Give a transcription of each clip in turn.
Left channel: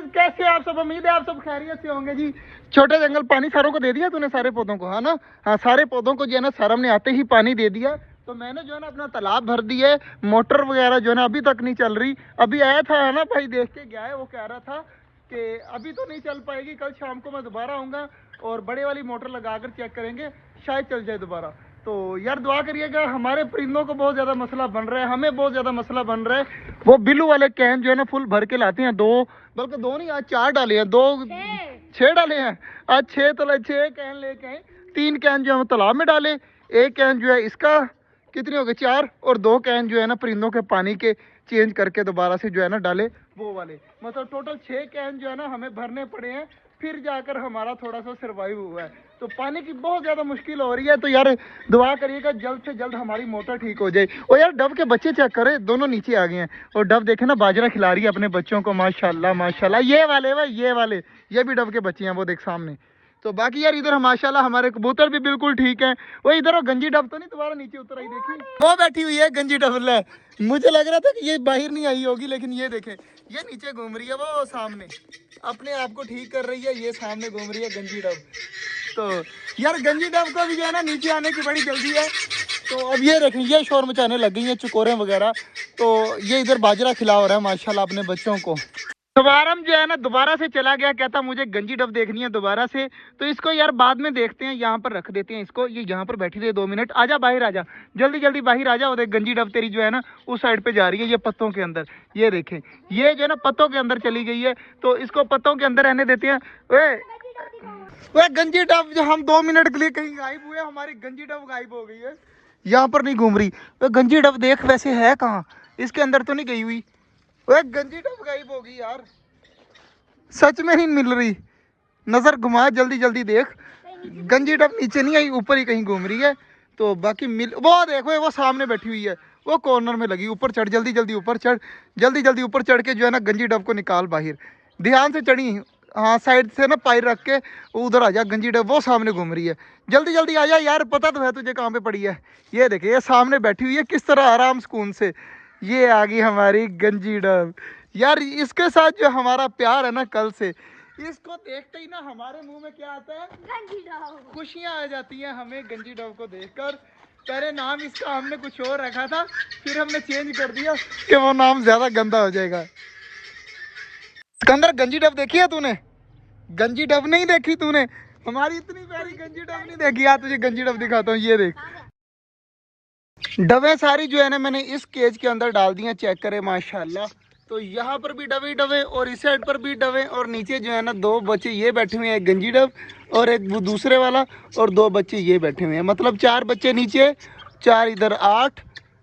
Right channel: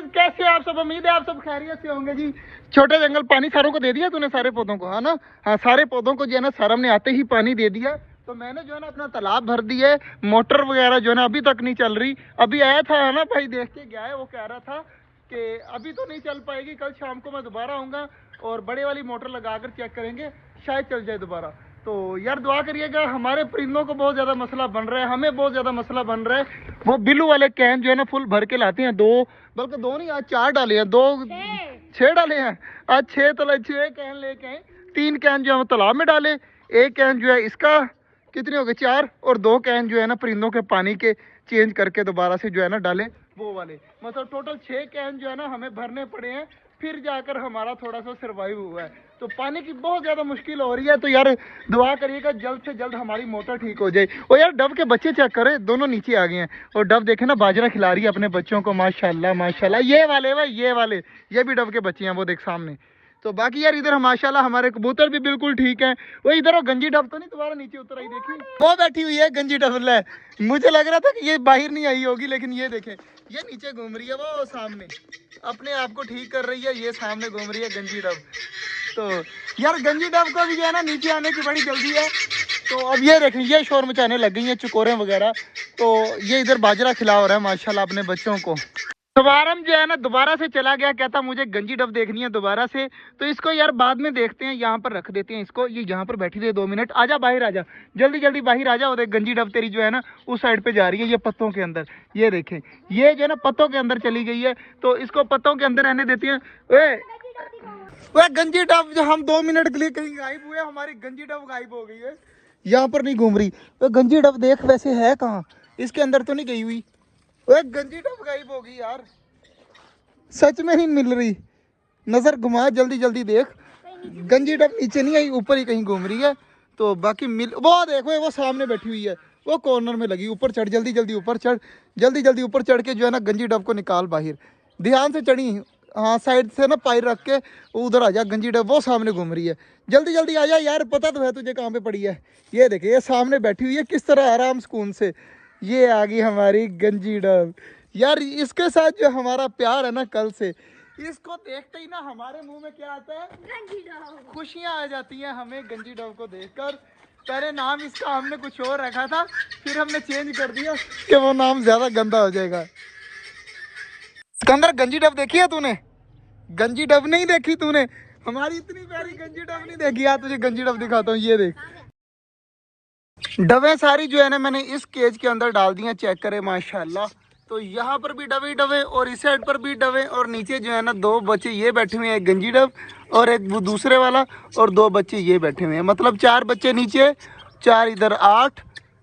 यार कैसे आप सब, उम्मीद है आप सब खैरियत से होंगे जी। छोटे जंगल पानी सारों को दे दिया तूने, सारे पौधों को, है ना? हाँ, सारे पौधों को जो है ना सरम ने आते ही पानी दे दिया। तो मैंने जो है ना अपना तालाब भर दिया। मोटर वगैरह जो है ना अभी तक नहीं चल रही। अभी आया था, है ना भाई, देख के गया है, वो कह रहा था कि अभी तो नहीं चल पाएगी, कल शाम को मैं दोबारा आऊँगा और बड़े वाली मोटर लगा कर चेक करेंगे, शायद चल जाए दोबारा। तो यार दुआ करिएगा, हमारे परिंदों को बहुत ज़्यादा मसला बन रहा है, हमें बहुत ज़्यादा मसला बन रहा है। वो बिल्लू वाले कैन जो है ना फुल भर के लाते हैं, दो बल्कि दो नहीं, आज 4 डाले हैं, 6 डाले हैं। आज 6 कैन लेके आए। 3 कैन जो है तालाब में डाले, 1 कैन जो है इसका, कितने हो गए 4, और 2 कैन जो है ना परिंदों के पानी के चेंज करके दोबारा से जो है ना डाले वो वाले। मतलब टोटल 6 कैन जो है ना हमें भरने पड़े हैं, फिर जाकर हमारा थोड़ा सा सर्वाइव हुआ है। तो पानी की बहुत ज़्यादा मुश्किल हो रही है। तो यार दुआ करिएगा जल्द से जल्द हमारी मोटर ठीक हो जाए। और यार डव के बच्चे चेक करें, दोनों नीचे आ गए हैं। और डव देखे ना बाजरा खिला रही है अपने बच्चों को, माशाल्लाह माशाल्लाह। ये वाले भाई, ये वाले, ये भी डव के बच्चे हैं, वो देख सामने। तो बाकी यार इधर माशाल्लाह हमारे कबूतर भी बिल्कुल ठीक है। वो इधर वो गंजी डब तो नहीं दोबारा नीचे उतर आई, देखी वो बैठी हुई है गंजी डब। मुझे लग रहा था कि ये बाहर नहीं आई होगी, लेकिन ये देखें, ये नीचे घूम रही है, वो सामने अपने आप को ठीक कर रही है, ये सामने घूम रही है गंजी डब। तो यार गंजी डब को भी जो है ना नीचे आने की बड़ी जल्दी है। तो अब ये देखें, ये शोर मचाने लग गई है चकोरें वगैरह। तो ये इधर बाजरा खिला रहा है माशाल्लाह अपने बच्चों को। सवारम जो है ना दोबारा से चला गया, कहता मुझे गंजी डब देखनी है दोबारा से। तो इसको यार बाद में देखते हैं, यहाँ पर रख देते हैं इसको, ये यहाँ पर बैठी रहे 2 मिनट। आजा बाहर आजा, जल्दी जल्दी बाहर आजा। और देख गंजी डब तेरी जो है ना उस साइड पे जा रही है, ये पत्तों के अंदर। ये देखें, ये जो है ना पत्तों के अंदर चली गई है। तो इसको पत्तों के अंदर रहने देते हैं। वे गंजी डब जो हम 2 मिनट के लिए कहीं गायब हुए, हमारी गंजी डब गायब हो गई है, यहाँ पर नहीं घूम रही। वे गंजी डब देख वैसे है कहाँ, इसके अंदर तो नहीं गई हुई। वे गंजी डब गायब हो गई यार, सच में नहीं मिल रही। नजर घुमा, जल्दी जल्दी देख, गंजी डब नीचे नहीं आई, ऊपर ही कहीं घूम रही है। तो बाकी मिल, वो देखो वो सामने बैठी हुई है, वो कॉर्नर में लगी। ऊपर चढ़, जल्दी जल्दी ऊपर चढ़, जल्दी जल्दी ऊपर चढ़ के जो है ना गंजी डब को निकाल बाहर, ध्यान से चढ़ी। हाँ साइड से ना पैर रख के उधर आ जा, गंजी डब वो सामने घूम रही है। जल्दी जल्दी आ जा यार, पता तो है तुझे कहाँ पे पड़ी है। ये देखे, ये सामने बैठी हुई है किस तरह आराम सुकून से। ये आ गई हमारी गंजी डब। यार इसके साथ जो हमारा प्यार है ना कल से, इसको देखते ही ना हमारे मुंह में क्या आता है, गंजी डब। खुशियाँ आ जाती हैं हमें गंजी डब को देखकर। पहले नाम इसका हमने कुछ और रखा था, फिर हमने चेंज कर दिया कि वो नाम ज्यादा गंदा हो जाएगा। सिकंदर गंजी डब देखी है तूने? गंजी डब नहीं देखी तूने? हमारी इतनी प्यारी गंजी डब नहीं देखी। यार तुझे गंजी डब दिखाता हूँ, ये देख। डबे सारी जो है ना मैंने इस केज के अंदर डाल दी हैं, चेक करें माशाल्लाह। तो यहाँ पर भी डबे डबे, और इस साइड पर भी डबे, और नीचे जो है ना 2 बच्चे ये बैठे हुए हैं, एक गंजी डब और एक वो दूसरे वाला, और 2 बच्चे ये बैठे हुए हैं। मतलब 4 बच्चे नीचे, 4 इधर, 8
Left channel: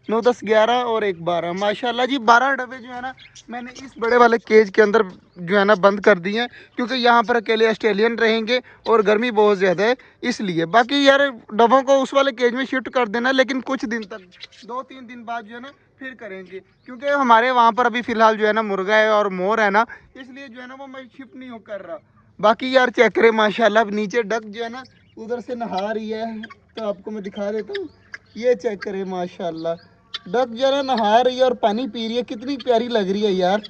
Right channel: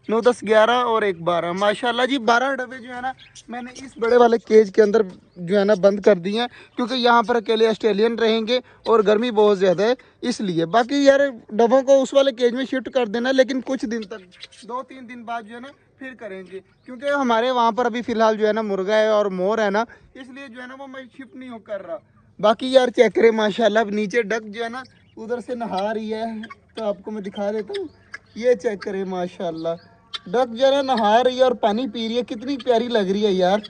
9 10 11 और 1 12, माशाल्लाह जी 12 डब्बे जो है ना मैंने इस बड़े वाले केज के अंदर जो है ना बंद कर दिए हैं, क्योंकि यहाँ पर अकेले ऑस्ट्रेलियन रहेंगे और गर्मी बहुत ज़्यादा है इसलिए। बाकी यार डब्बों को उस वाले केज में शिफ्ट कर देना, लेकिन कुछ दिन तक, 2-3 दिन बाद जो है ना फिर करेंगे, क्योंकि हमारे वहाँ पर अभी फ़िलहाल जो है ना मुर्गा है और मोर है ना, इसलिए जो है ना वो मैं शिफ्ट नहीं हो कर रहा। बाकी यार चेक करें माशाल्लाह, नीचे डक जो है ना उधर से नहा रही है, तो आपको मैं दिखा देता हूँ। ये चेक करें माशाल्लाह, डक जो है नहा रही है और पानी पी रही है, कितनी प्यारी लग रही है यार।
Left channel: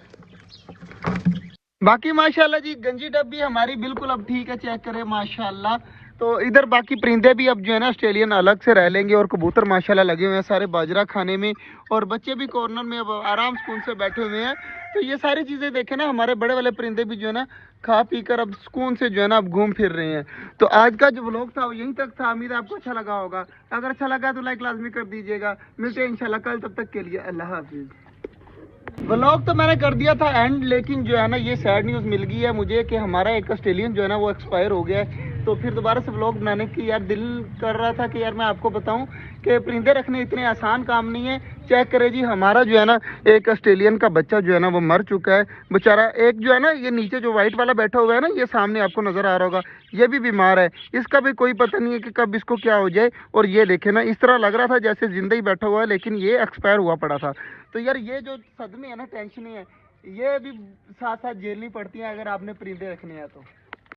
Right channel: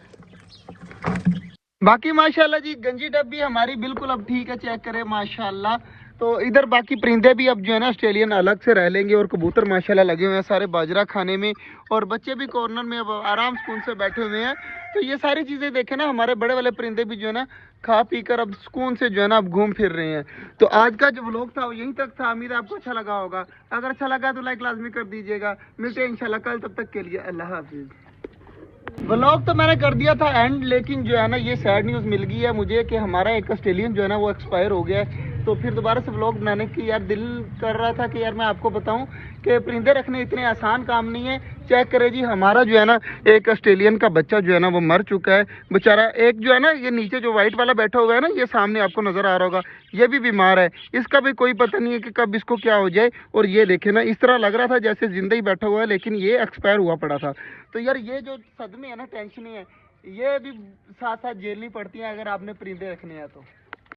बाकी माशाल्लाह जी गंजी डब भी हमारी बिल्कुल अब ठीक है, चेक करें माशाल्लाह। तो इधर बाकी परिंदे भी अब जो है ना ऑस्ट्रेलियन अलग से रह लेंगे, और कबूतर माशाल्लाह लगे हुए हैं सारे बाजरा खाने में, और बच्चे भी कॉर्नर में अब आराम सुकून से बैठे हुए हैं। तो ये सारी चीज़ें देखें ना, हमारे बड़े वाले परिंदे भी जो है ना खा पी कर अब सुकून से जो है ना अब घूम फिर रहे हैं। तो आज का जो व्लॉग था वो यहीं तक था, उम्मीद है आपको अच्छा लगा होगा। अगर अच्छा लगा तो लाइक लाजमी कर दीजिएगा। मिलते हैं इंशाल्लाह कल, तब तक के लिए अल्लाह हाफिज़। व्लॉग तो मैंने कर दिया था एंड, लेकिन जो है ना ये सैड न्यूज़ मिल गई है मुझे कि हमारा एक ऑस्ट्रेलियन जो है ना वो एक्सपायर हो गया है। तो फिर दोबारा से व्लॉग बनाने की यार दिल कर रहा था कि यार मैं आपको बताऊं कि परिंदे रखने इतने आसान काम नहीं है। चेक करें जी, हमारा जो है ना एक ऑस्ट्रेलियन का बच्चा जो है ना वो मर चुका है बेचारा। एक जो है ना ये नीचे जो वाइट वाला बैठा हुआ है ना, ये सामने आपको नज़र आ रहा होगा, ये भी बीमार है। इसका भी कोई पता नहीं है कि कब इसको क्या हो जाए। और ये देखे ना, इस तरह लग रहा था जैसे जिंदा ही बैठा हुआ है, लेकिन ये एक्सपायर हुआ पड़ा था। तो यार ये जो सदमे है ना, टेंशन है, ये भी साथ साथ झेलनी पड़ती है अगर आपने परिंदे रखने हैं तो।